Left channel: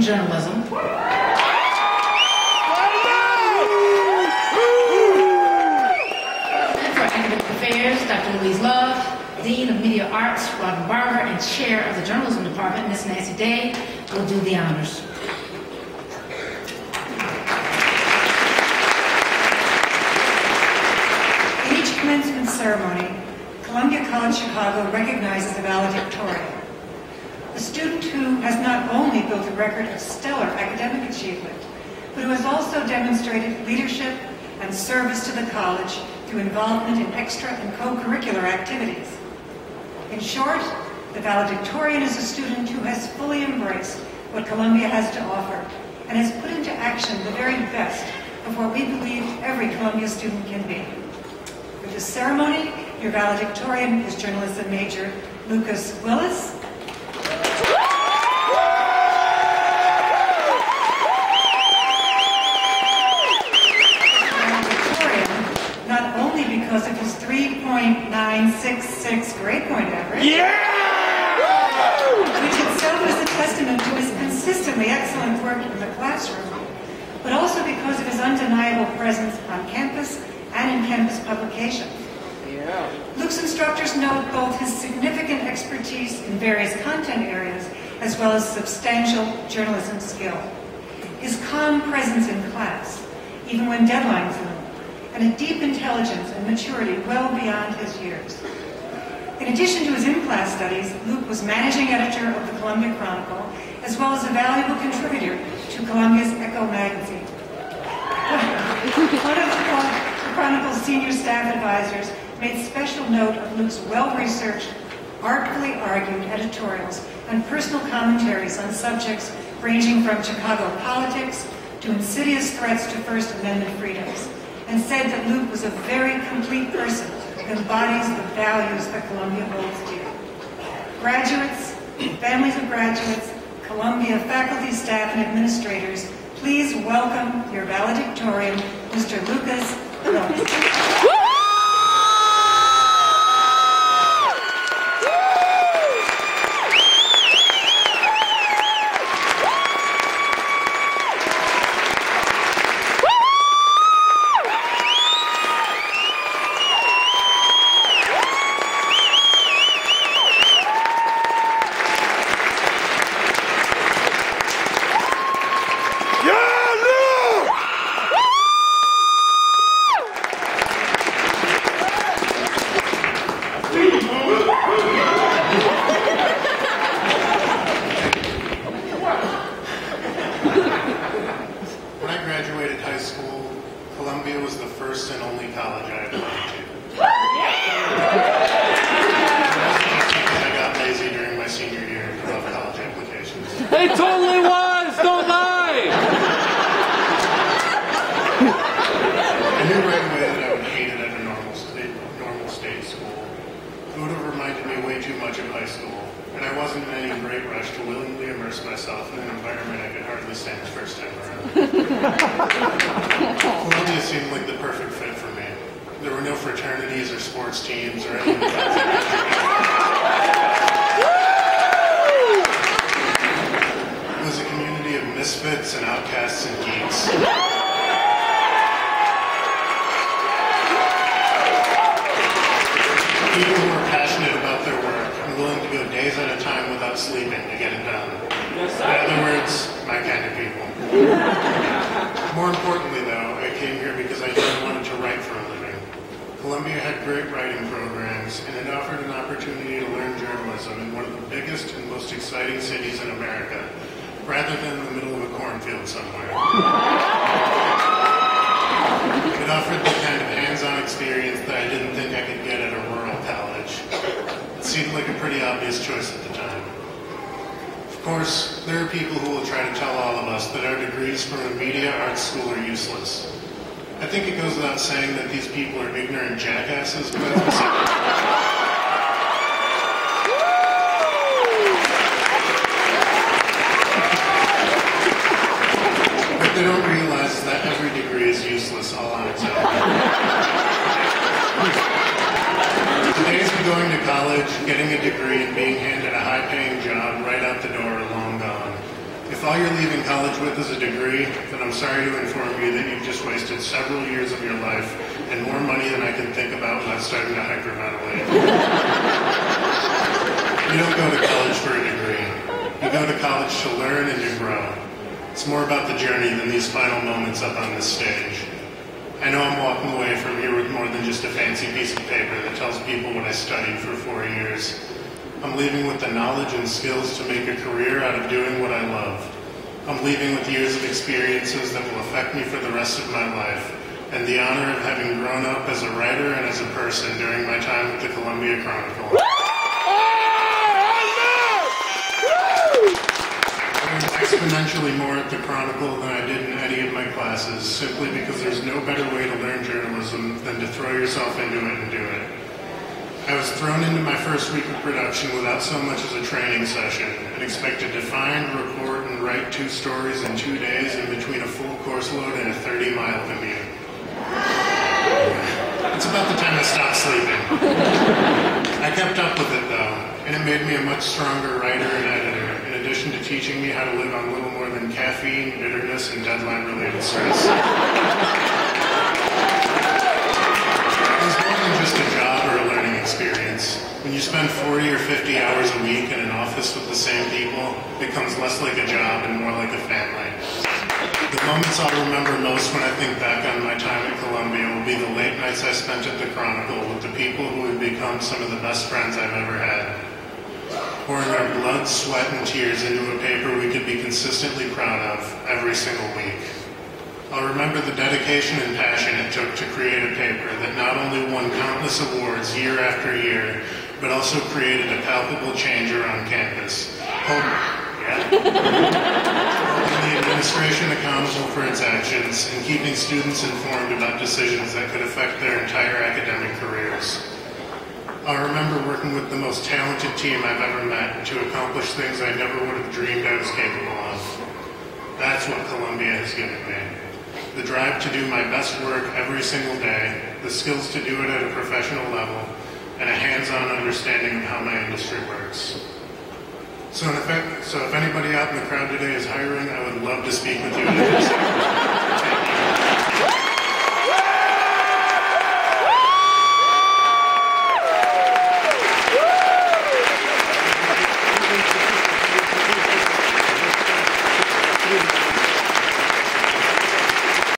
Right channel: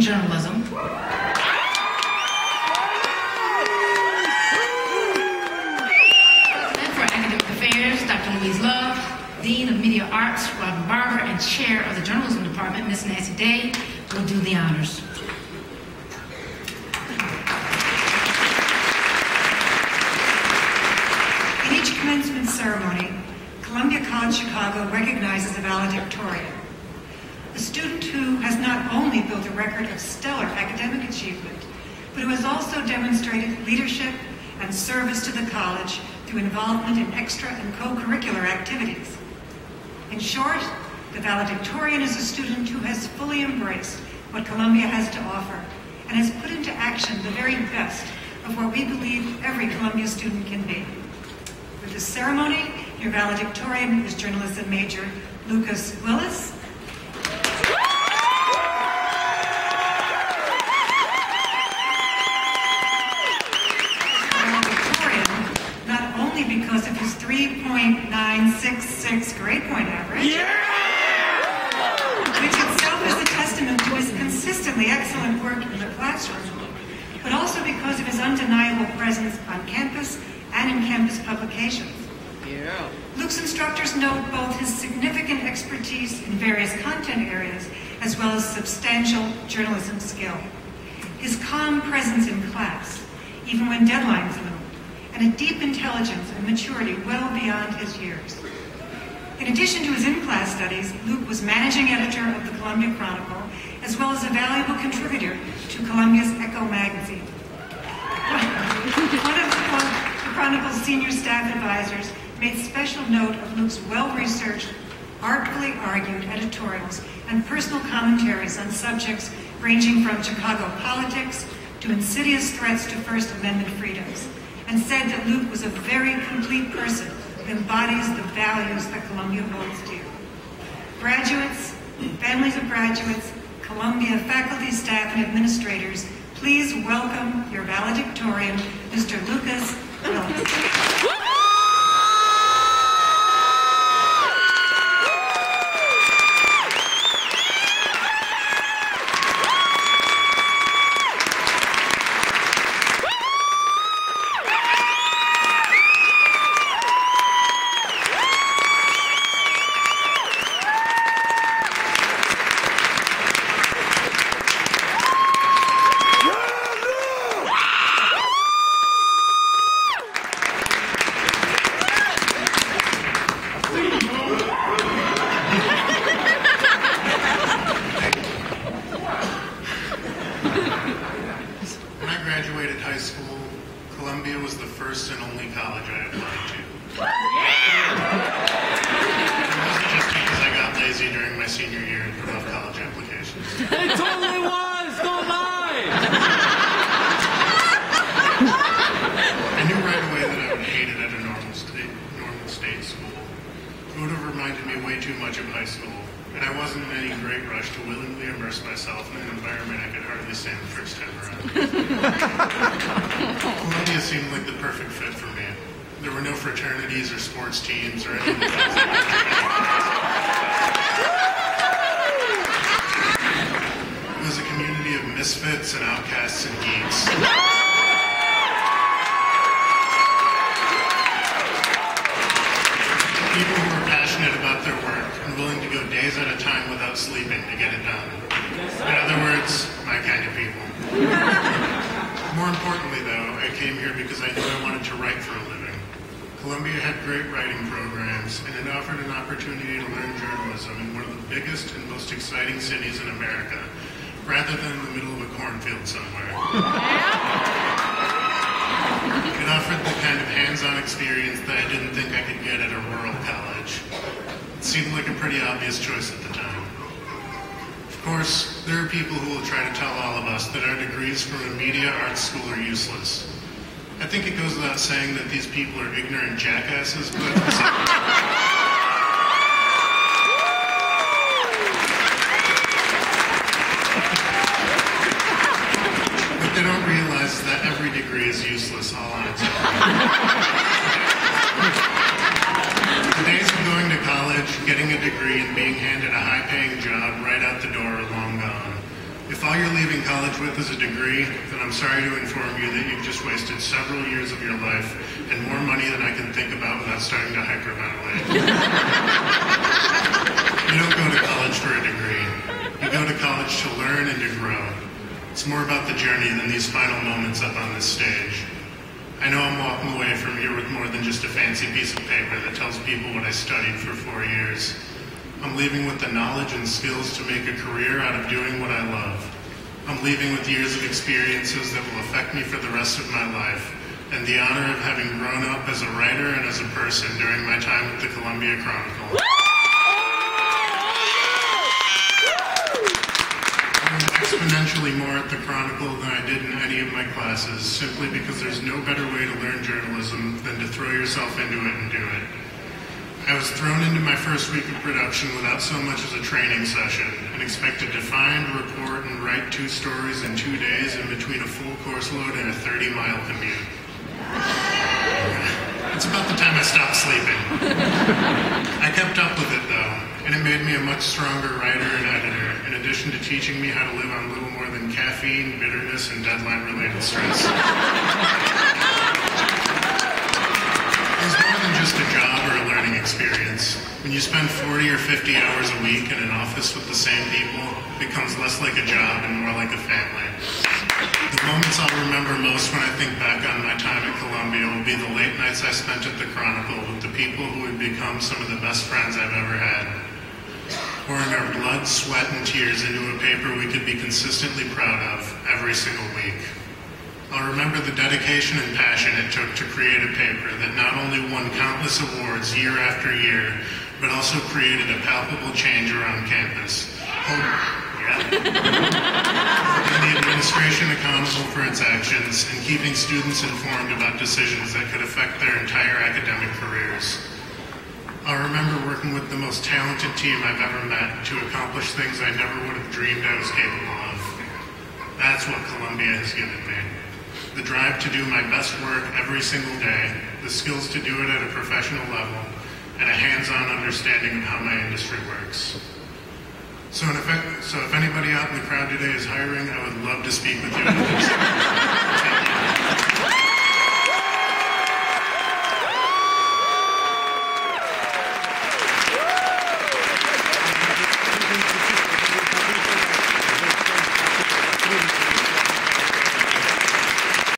Journalism. President for Academic Affairs, Dr. Louise Love, Dean of Media Arts, Robin Barber, and Chair of the Journalism Department, Ms. Nancy Day, will do the honors. In each commencement ceremony, Columbia College Chicago recognizes a valedictorian, a student who has not only built a record of stellar academic achievement, but who has also demonstrated leadership and service to the college through involvement in extra and co-curricular activities. In short, the valedictorian is a student who has fully embraced what Columbia has to offer and has put into action the very best of what we believe every Columbia student can be. For this ceremony, your valedictorian is journalism major Lukasz Wilusz. Because of his 3.966 grade point average, which itself is a testament to his consistently excellent work in the classroom, but also because of his undeniable presence on campus and in campus publications. Luke's instructors note both his significant expertise in various content areas as well as substantial journalism skill, his calm presence in class, even when deadlines loom, and a deep intelligence and maturity well beyond his years. In addition to his in-class studies, Luke was managing editor of the Columbia Chronicle, as well as a valuable contributor to Columbia's Echo magazine. One of the Chronicle's senior staff advisors made special note of Luke's well-researched, artfully argued editorials and personal commentaries on subjects ranging from Chicago politics to insidious threats to First Amendment freedoms, and said that Luke was a very complete person who embodies the values that Columbia holds dear. Graduates, families of graduates, Columbia faculty, staff, and administrators, please welcome your valedictorian, Mr. Lukasz Wilusz. When I graduated high school, Columbia was the first and only college I applied to. It wasn't just because I got lazy during my senior year and put off college applications. It totally was! Don't lie! I knew right away that I would hate it at a normal state school. It would have reminded me way too much of high school, and I wasn't in any great rush to willingly immerse myself in an environment I could hardly stand the first time around. Columbia seemed like the perfect fit for me. There were no fraternities or sports teams or any of the things I could. It was a community of misfits and outcasts and geeks. People who were passionate about their work and willing to go days at a time without sleeping to get it done. In other words, my kind of people. More importantly, though, I came here because I knew I wanted to write for a living. Columbia had great writing programs, and it offered an opportunity to learn journalism in one of the biggest and most exciting cities in America, rather than in the middle of a cornfield somewhere. It offered the kind of hands-on experience that I didn't think I could get at a rural college. It seemed like a pretty obvious choice at the time. Of course, there are people who will try to tell all of us that our degrees from a media arts school are useless. I think it goes without saying that these people are ignorant jackasses, but what they don't realize is that every degree is useless all on its own. The days of going to college, getting a degree, and being handed a high-paying job right out the door are long gone. If all you're leaving college with is a degree, then I'm sorry to inform you that you've just wasted several years of your life and more money than I can think about without starting to hyperventilate. You don't go to college for a degree. You go to college to learn and to grow. It's more about the journey than these final moments up on this stage. I know I'm walking away from here with more than just a fancy piece of paper that tells people what I studied for 4 years. I'm leaving with the knowledge and skills to make a career out of doing what I love. I'm leaving with years of experiences that will affect me for the rest of my life, and the honor of having grown up as a writer and as a person during my time with the Columbia Chronicle. I learned exponentially more at the Chronicle than I did in any of my classes, simply because there's no better way to learn journalism than to throw yourself into it and do it. I was thrown into my first week of production without so much as a training session and expected to find, report, and write 2 stories in 2 days in between a full course load and a 30-mile commute. It's about the time I stopped sleeping. I kept up with it though, and it made me a much stronger writer and editor, in addition to teaching me how to live on little more than caffeine, bitterness, and deadline-related stress. It's more than just a job or a learning experience. When you spend 40 or 50 hours a week in an office with the same people, it becomes less like a job and more like a family. The moments I'll remember most when I think back on my time at Columbia will be the late nights I spent at the Chronicle with the people who have become some of the best friends I've ever had. Pouring our blood, sweat, and tears into a paper we could be consistently proud of every single week. I'll remember the dedication and passion it took to create a paper that not only won countless awards year after year, but also created a palpable change around campus. And the administration accountable for its actions and keeping students informed about decisions that could affect their entire academic careers. I'll remember working with the most talented team I've ever met to accomplish things I never would have dreamed I was capable of. That's what Columbia has given me. The drive to do my best work every single day, the skills to do it at a professional level, and a hands-on understanding of how my industry works. So if anybody out in the crowd today is hiring, I would love to speak with you. Thank you.